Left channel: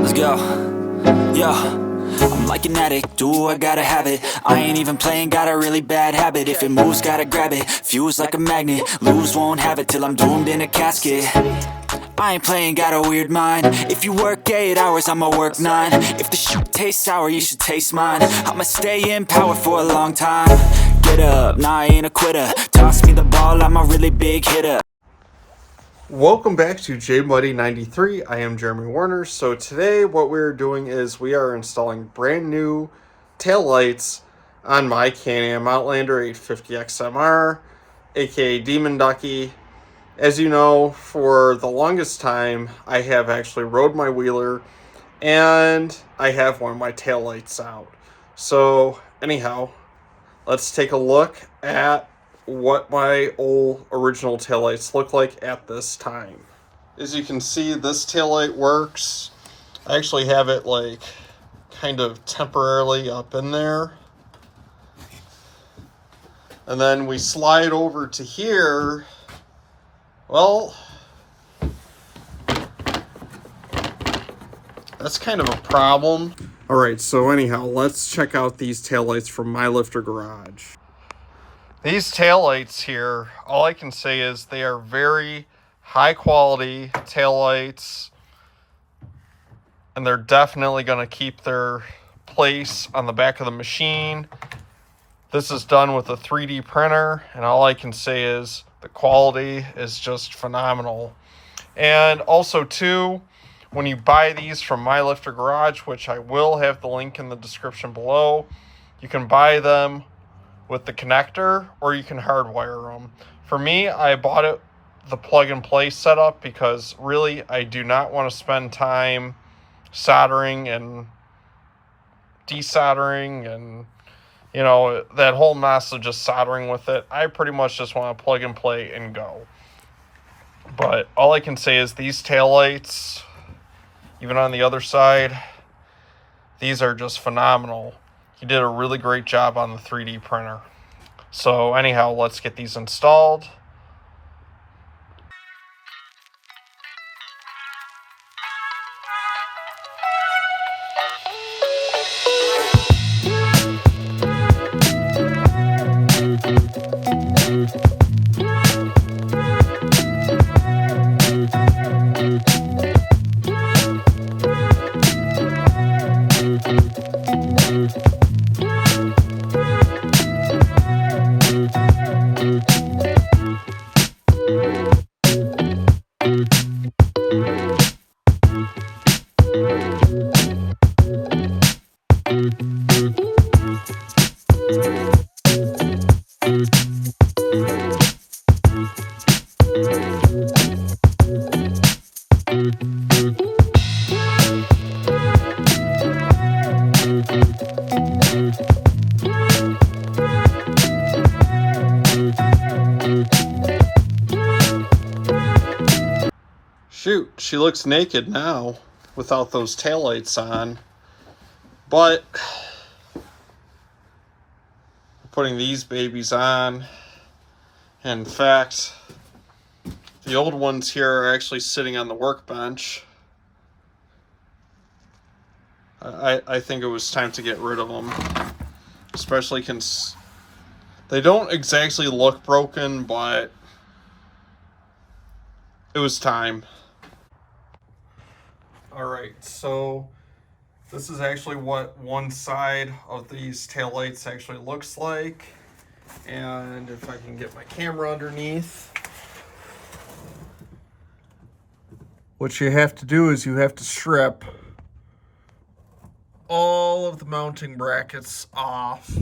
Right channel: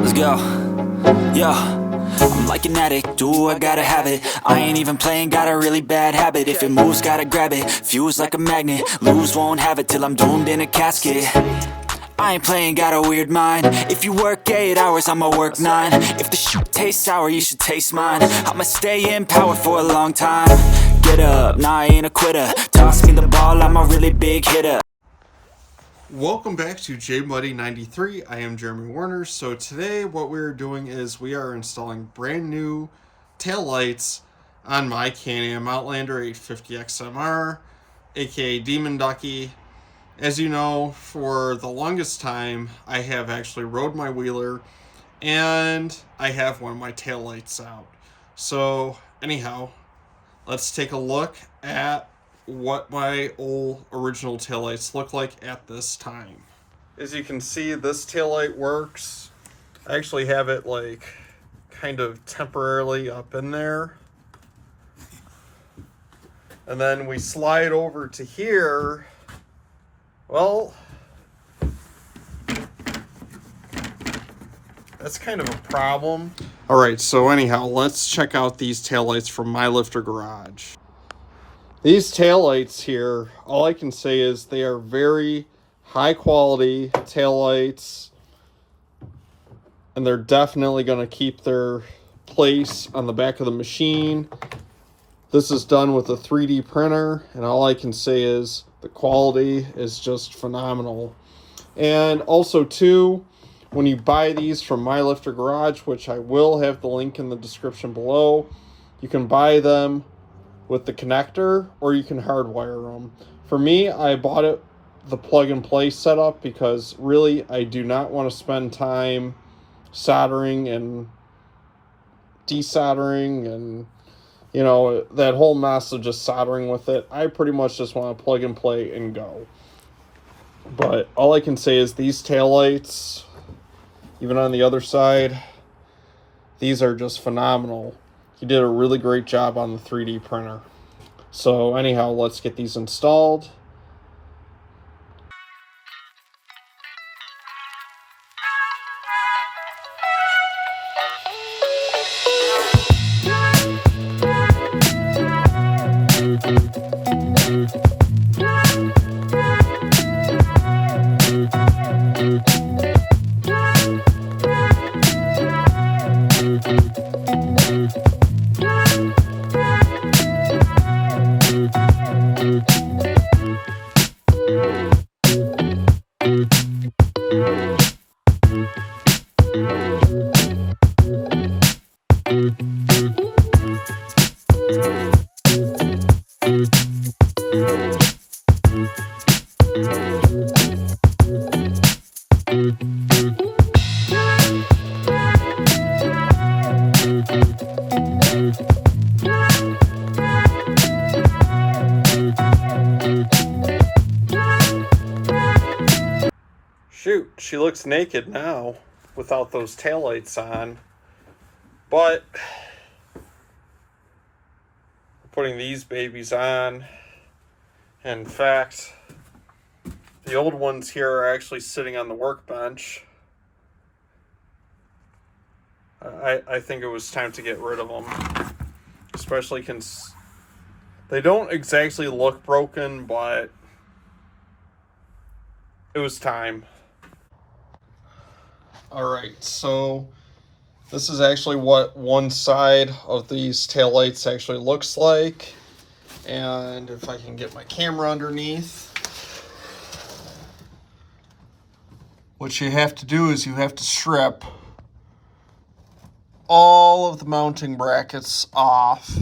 Let's go. Yo, I'm like an addict, ooh, I gotta have it. I ain't even playing, got a really bad habit. If it moves, gotta grab it, fuse like a magnet. Lose, won't have it till I'm doomed in a casket. I ain't playing, got a weird mind. If you work 8 hours, I'ma work 9. If the shit tastes sour, you should taste mine. I'ma stay in power for a long time. Get up, nah, I ain't a quitter. Toss me the ball, I'm a really big hitter. Welcome back to JMuddy93. I am Jeremy Warner. So today what we're doing is we are installing brand new taillights on my Can-Am Outlander 850 XMR, aka Demon Ducky. As you know, for the longest time I have actually rode my wheeler and I have one of my taillights out. So anyhow, let's take a look at what my old original taillights look like at this time. As you can see, this taillight works. I actually have it like kind of temporarily up in there. And then we slide over to here. Well, that's kind of a problem. All right, so anyhow, let's check out these taillights from MyLifter Garage. These taillights here, all I can say is they are very high quality taillights, and they're definitely going to keep their place on the back of the machine. This is done with a 3D printer, and all I can say is the quality is just phenomenal. And also too, when you buy these from MyLifter Garage, which I will have the link in the description below, you can buy them with the connector, or you can hardwire them. For me, I bought it the plug and play setup because really I do not want to spend time soldering and desoldering and, you know, that whole mess of just soldering with it. I pretty much just want to plug and play and go. But all I can say is these taillights, even on the other side, these are just phenomenal. He did a really great job on the 3D printer. So anyhow, let's get these installed. Shoot, she looks naked now without those taillights on. But putting these babies on. In fact, the old ones here are actually sitting on the workbench. I think it was time to get rid of them. Especially since they don't exactly look broken, but it was time. Alright, so this is actually what one side of these taillights actually looks like. And if I can get my camera underneath. What you have to do is you have to strip all of the mounting brackets off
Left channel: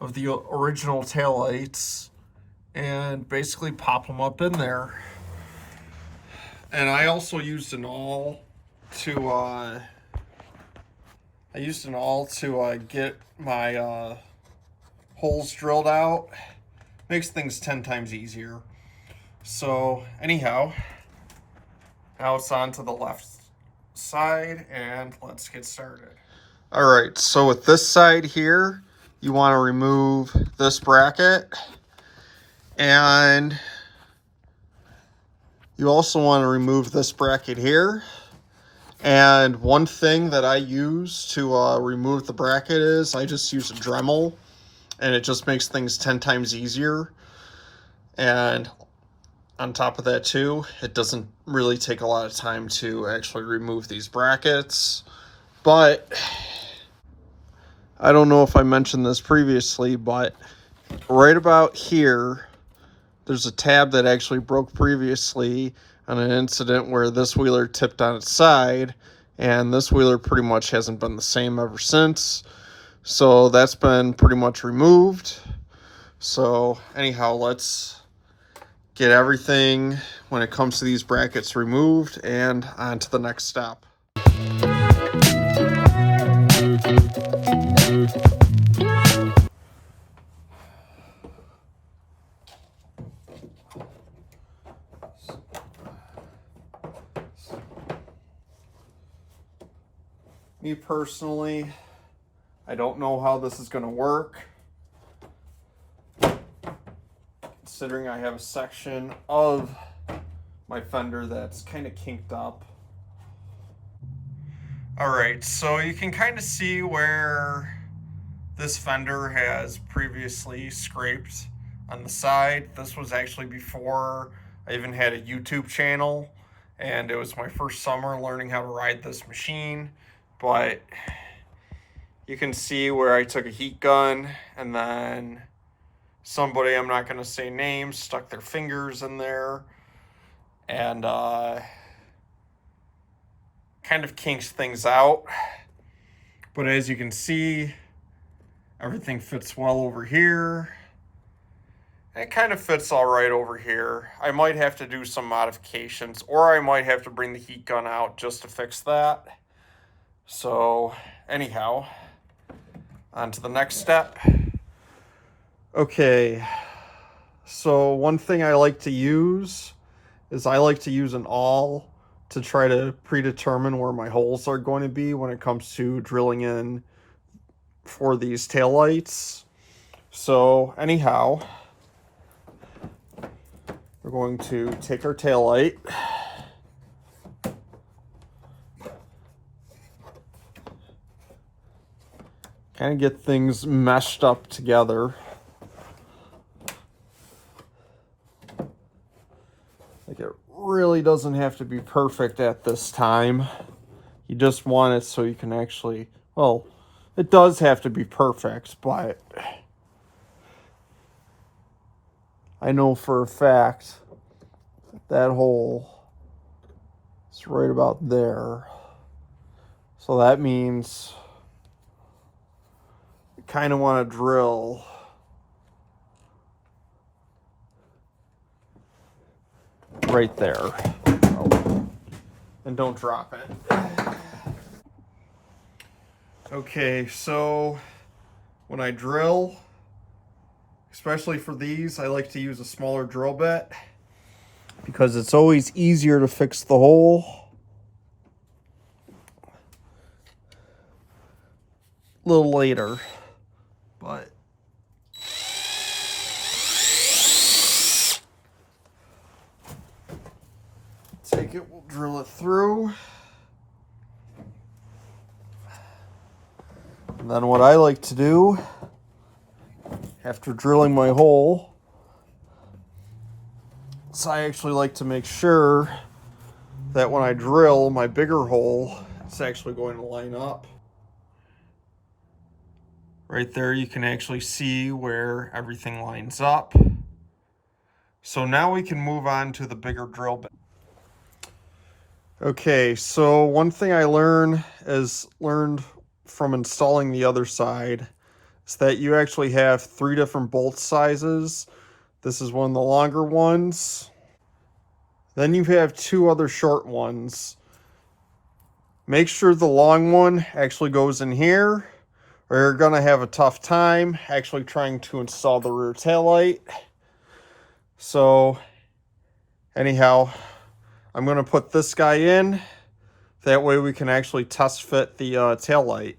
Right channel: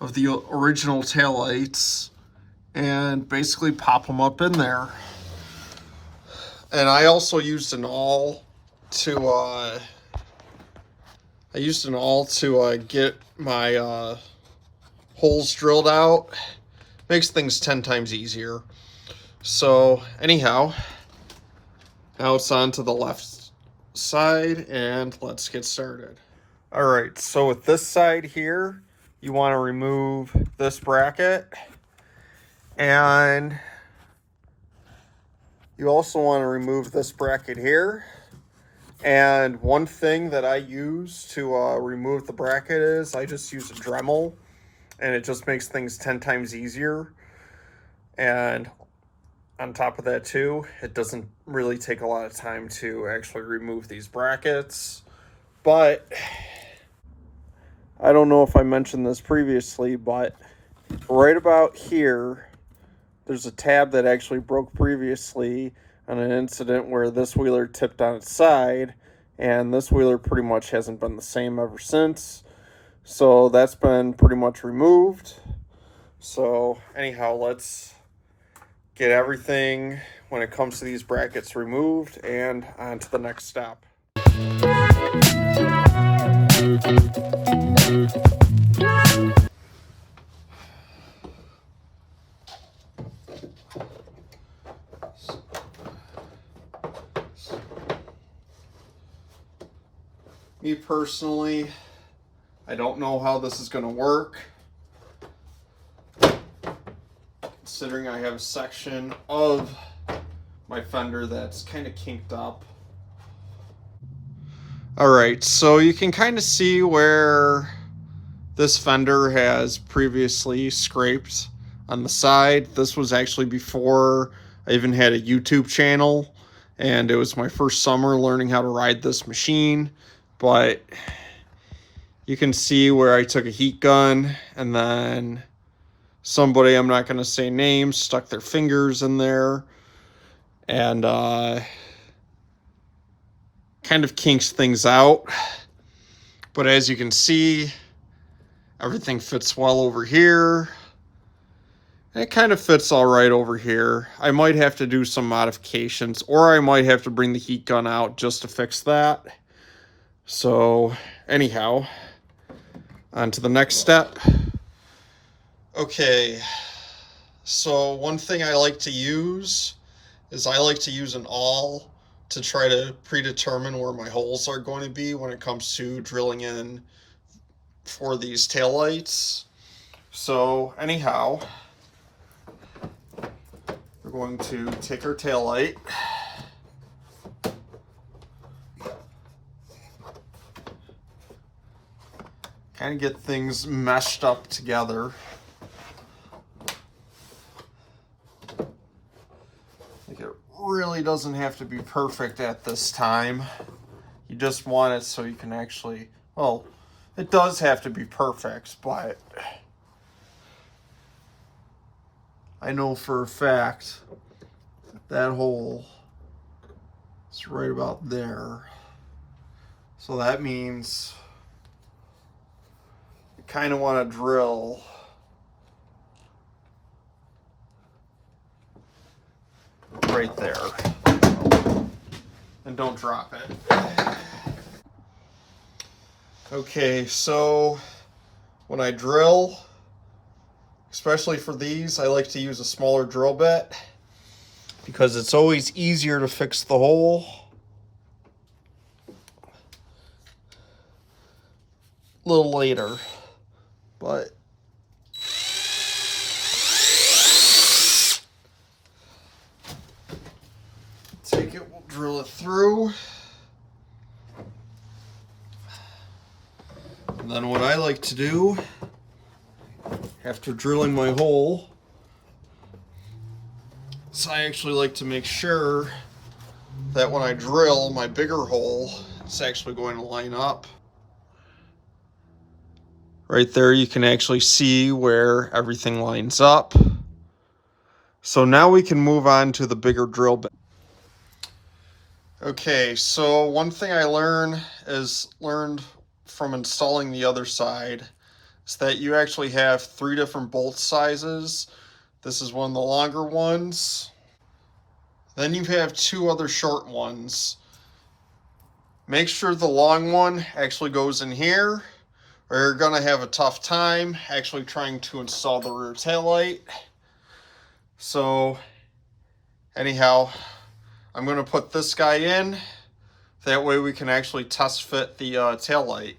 of the original taillights and basically pop them up in there. And I also used an awl to get my holes drilled out. Makes things 10 times easier. So anyhow, now it's on to the left side and let's get started. All right, so with this side here, you want to remove this bracket, and you also want to remove this bracket here. And one thing that I use to remove the bracket is I just use a Dremel, and it just makes things 10 times easier. And on top of that too, it doesn't really take a lot of time to actually remove these brackets. But I don't know if I mentioned this previously, but right about here, there's a tab that actually broke previously on an incident where this wheeler tipped on its side, and this wheeler pretty much hasn't been the same ever since. So that's been pretty much removed. So anyhow, let's get everything when it comes to these brackets removed and on to the next step. Me personally, I don't know how this is going to work, considering I have a section of my fender that's kind of kinked up. Alright, so you can kind of see where this fender has previously scraped on the side. This was actually before I even had a YouTube channel, and it was my first summer learning how to ride this machine. But you can see where I took a heat gun, and then somebody, I'm not going to say names, stuck their fingers in there and kind of kinks things out. But as you can see, everything fits well over here. It kind of fits all right over here. I might have to do some modifications, or I might have to bring the heat gun out just to fix that. So anyhow, on to the next step. Okay, so one thing I like to use is I like to use an awl to try to predetermine where my holes are going to be when it comes to drilling in for these taillights. So anyhow, we're going to take our taillight, kind of get things meshed up together. Like, it really doesn't have to be perfect at this time. You just want it so you can actually, well, it does have to be perfect, but I know for a fact that hole is right about there. So that means you kind of want to drill right there. And don't drop it. Okay, so when I drill, especially for these, I like to use a smaller drill bit because it's always easier to fix the hole. A little later, but take it, we'll drill it through. And then what I like to do after drilling my hole is I actually like to make sure that when I drill my bigger hole, it's actually going to line up. Right there, you can actually see where everything lines up. So now we can move on to the bigger drill bit. Okay, so one thing I learned from installing the other side is that you actually have 3 different bolt sizes. This is one of the longer ones. Then you have 2 other short ones. Make sure the long one actually goes in here, or you're gonna have a tough time actually trying to install the rear taillight. So anyhow, I'm gonna put this guy in. That way we can actually test fit the taillight.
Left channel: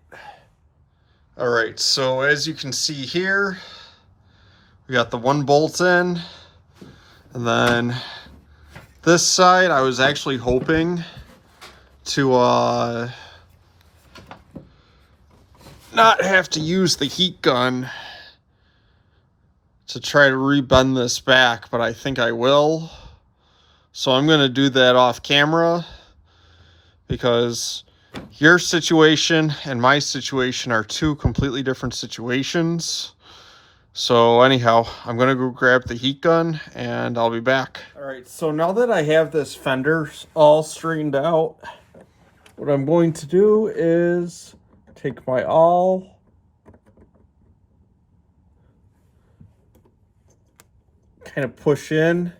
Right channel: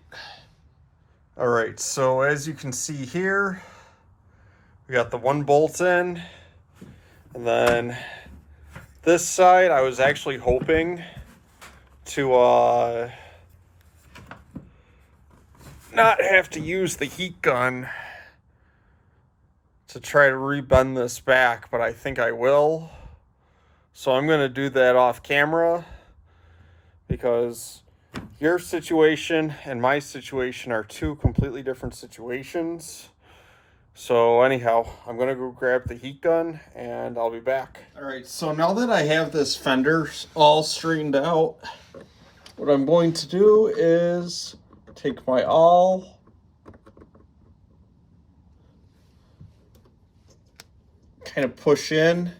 All right, so as you can see here, we got the 1 bolt in, and then this side I was actually hoping to not have to use the heat gun to try to rebend this back, but I think I will. So I'm going to do that off camera, because your situation and my situation are two completely different situations. So anyhow, I'm going to go grab the heat gun and I'll be back. All right, so now that I have this fender all straightened out, what I'm going to do is take my awl, kind of push in.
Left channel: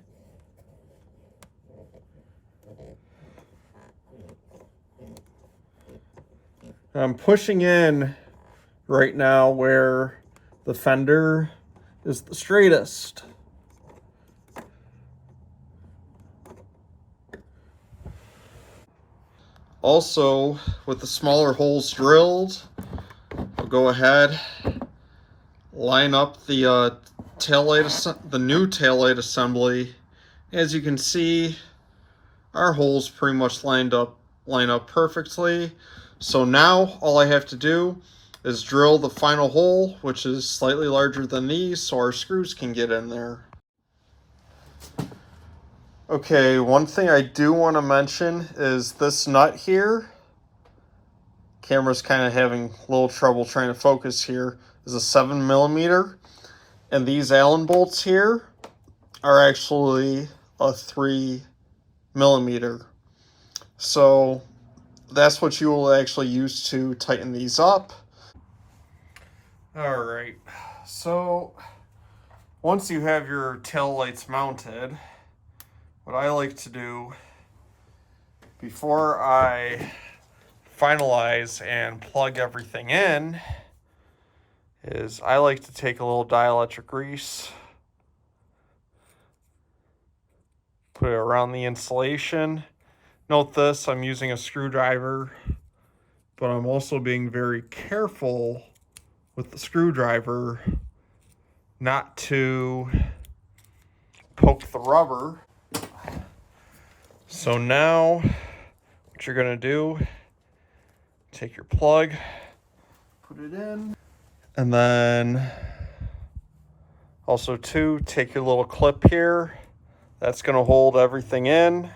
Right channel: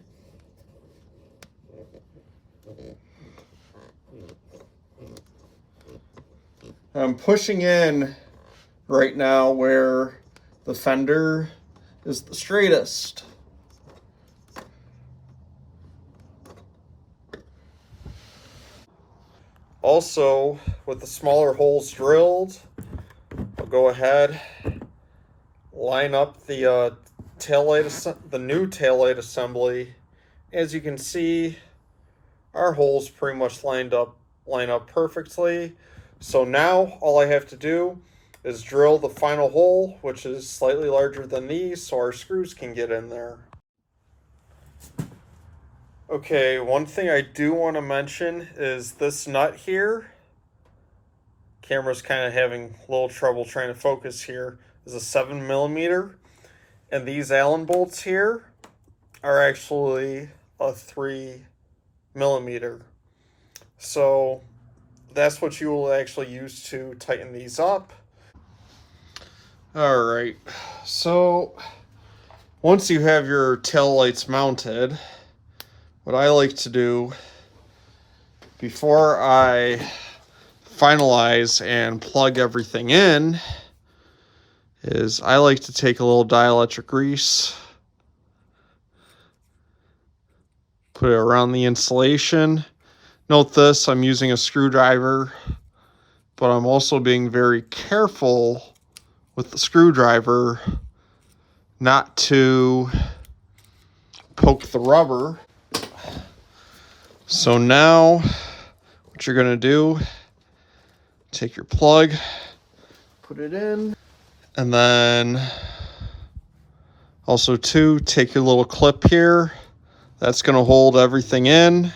I'm pushing in right now where the fender is the straightest. Also, with the smaller holes drilled, I'll go ahead, line up the the new taillight assembly. As you can see, our holes pretty much line up perfectly. So now all I have to do is drill the final hole, which is slightly larger than these, so our screws can get in there. Okay, one thing I do want to mention is this nut here. Camera's kind of having a little trouble trying to focus here. Is a 7mm, and these Allen bolts here are actually a 3mm. So that's what you will actually use to tighten these up. All right, so once you have your tail lights mounted, what I like to do before I finalize and plug everything in is I like to take a little dielectric grease, put it around the insulation. Note this, I'm using a screwdriver, but I'm also being very careful with the screwdriver not to poke the rubber. So now what you're gonna do, take your plug, put it in, and then also too, take your little clip here. That's gonna hold everything in.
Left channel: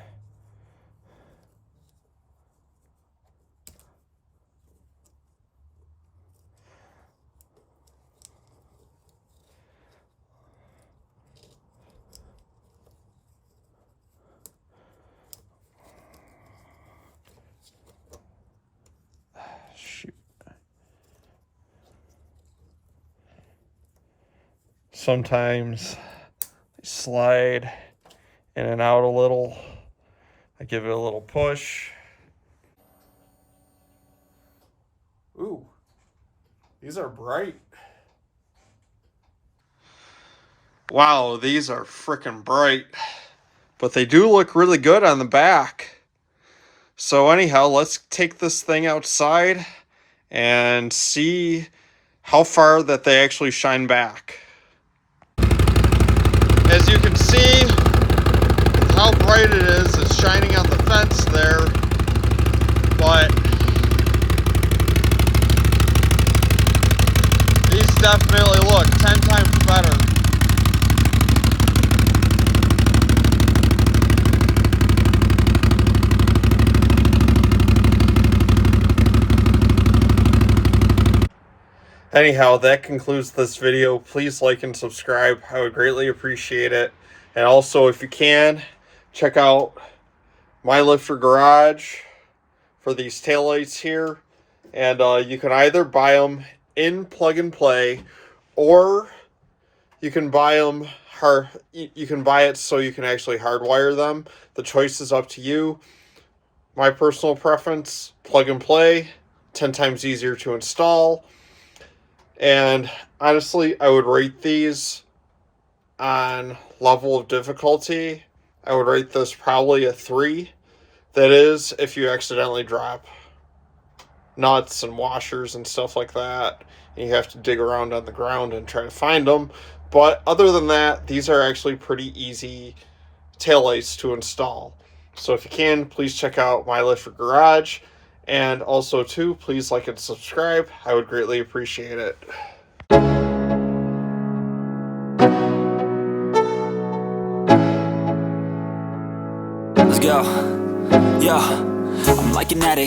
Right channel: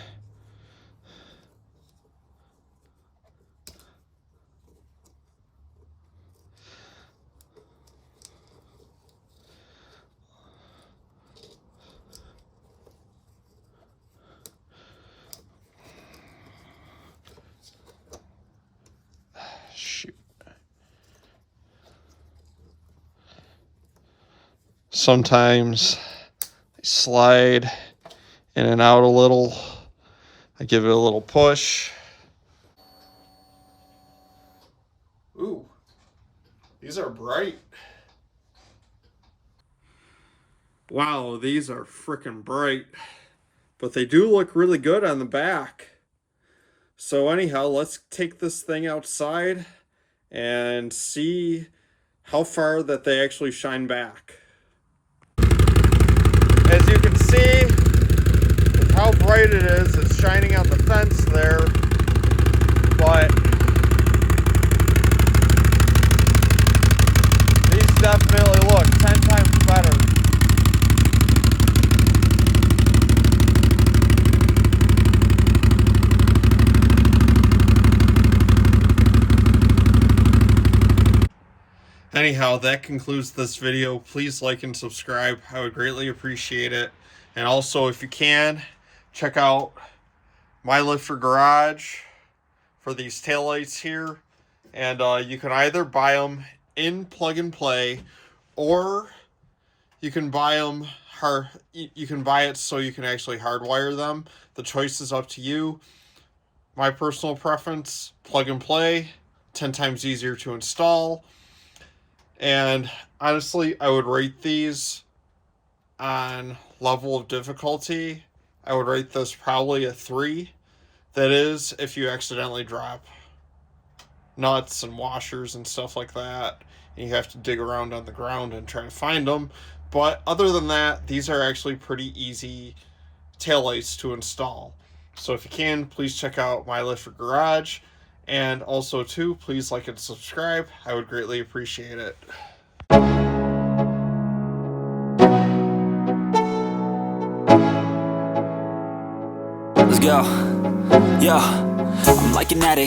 Shoot. Sometimes I slide in and out a little. I give it a little push. Ooh, these are bright. Wow, these are freaking bright. But they do look really good on the back. So anyhow, let's take this thing outside and see how far that they actually shine back. As you can see, with how bright it is, it's shining on the fence there, but these definitely look 10 times better. Anyhow, that concludes this video. Please like and subscribe. I would greatly appreciate it. And also, if you can, check out MyLifter Garage for these taillights here. And you can either buy them in plug and play, or you can buy them you can buy it so you can actually hardwire them. The choice is up to you. My personal preference, plug and play, 10 times easier to install. And honestly, I would rate these on level of difficulty. I would rate this probably a 3. That is, if you accidentally drop nuts and washers and stuff like that, and you have to dig around on the ground and try to find them. But other than that, these are actually pretty easy taillights to install. So if you can, please check out MyLifter Garage. And also, too, please like and subscribe. I would greatly appreciate it. Let's go. Yeah, I'm like an addict.